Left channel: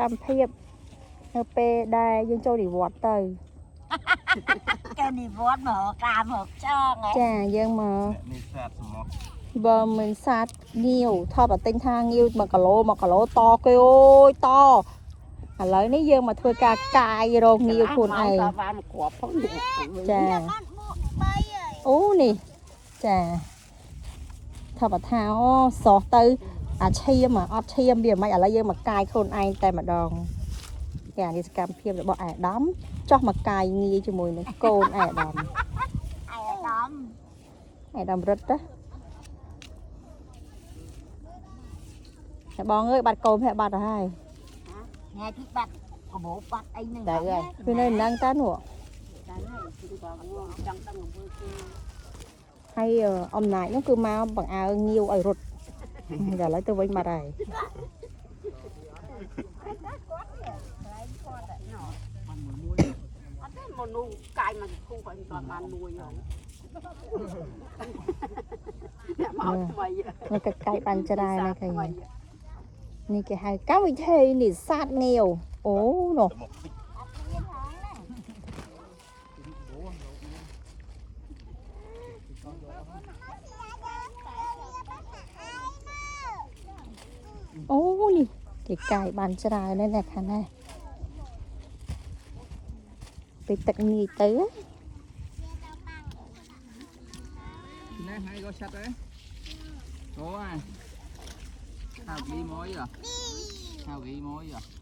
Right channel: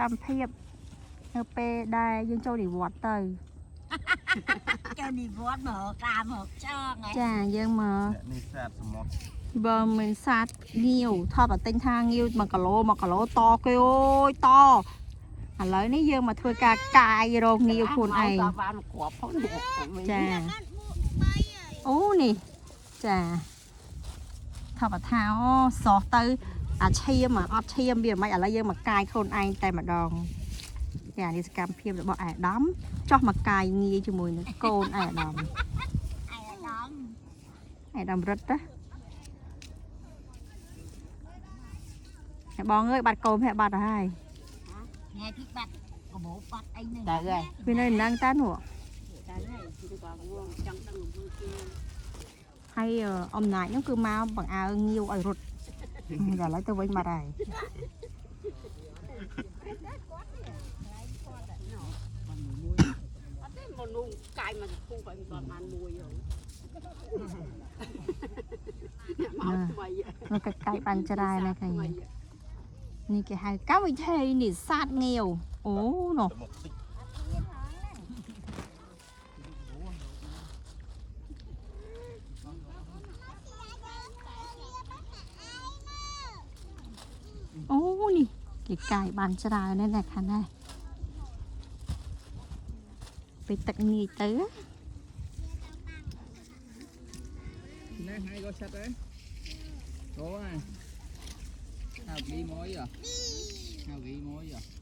កម្មភាពនៅពេលដែលយើងចូលនិវត្តន៍ទៅ ចូលនិវត្តន៍មកកាមមកចង ចាយើងមក នេះសាទសមោះ បើមិនសាទងាវថតតែទិញថាងាវ1គីឡូតគេអូយតឥឡូវនេះយើងមកធ្វើការកាយរកងាវខ្លួនឯង បានគ្រាប់ផង ចាអូនេះចាថតថាអូសោះទៅអាឈាមអត់ឈាមវាមិនឥឡូវយើងមកកាយខ្លួនឯងតែម្ដងចានេះសកម្មភាពរបស់អាដាមចោះមកកាយងាយជាមួយនឹងកូនអាដាមអាដាមរត់ទៅបងអើយបាត់កូនហើយបាត់ទៅហើយ ថ្ងៃទីបាត់កបោបាត់អីហ្នឹងទៅហើយ វានៅនឹងតានោះ ទៅហើយគឺក៏ចង់ដឹងអំពើគេ ហើយអំណាចនោះគឺមកបង្អើងាវឲ្យរត់ឥឡូវទៅវិញបាត់ហើយ អត់ទេមនុស្សកាយមកធូបឲ្យមិនបានមួយហ៎មកថ្មី នៅកាយបានច្រើនហើយឃើញនេះគេហៅកម្មវិធីនេះសាទងាវអូនោះអូនេះគេកាយបានច្រើនណាស់ខាងណាពេលទឹកងាយទៅ នេះហើយក៏ឆាត់ដែរអូហៅវីមួយហ៎ហៅវីមួយហ៎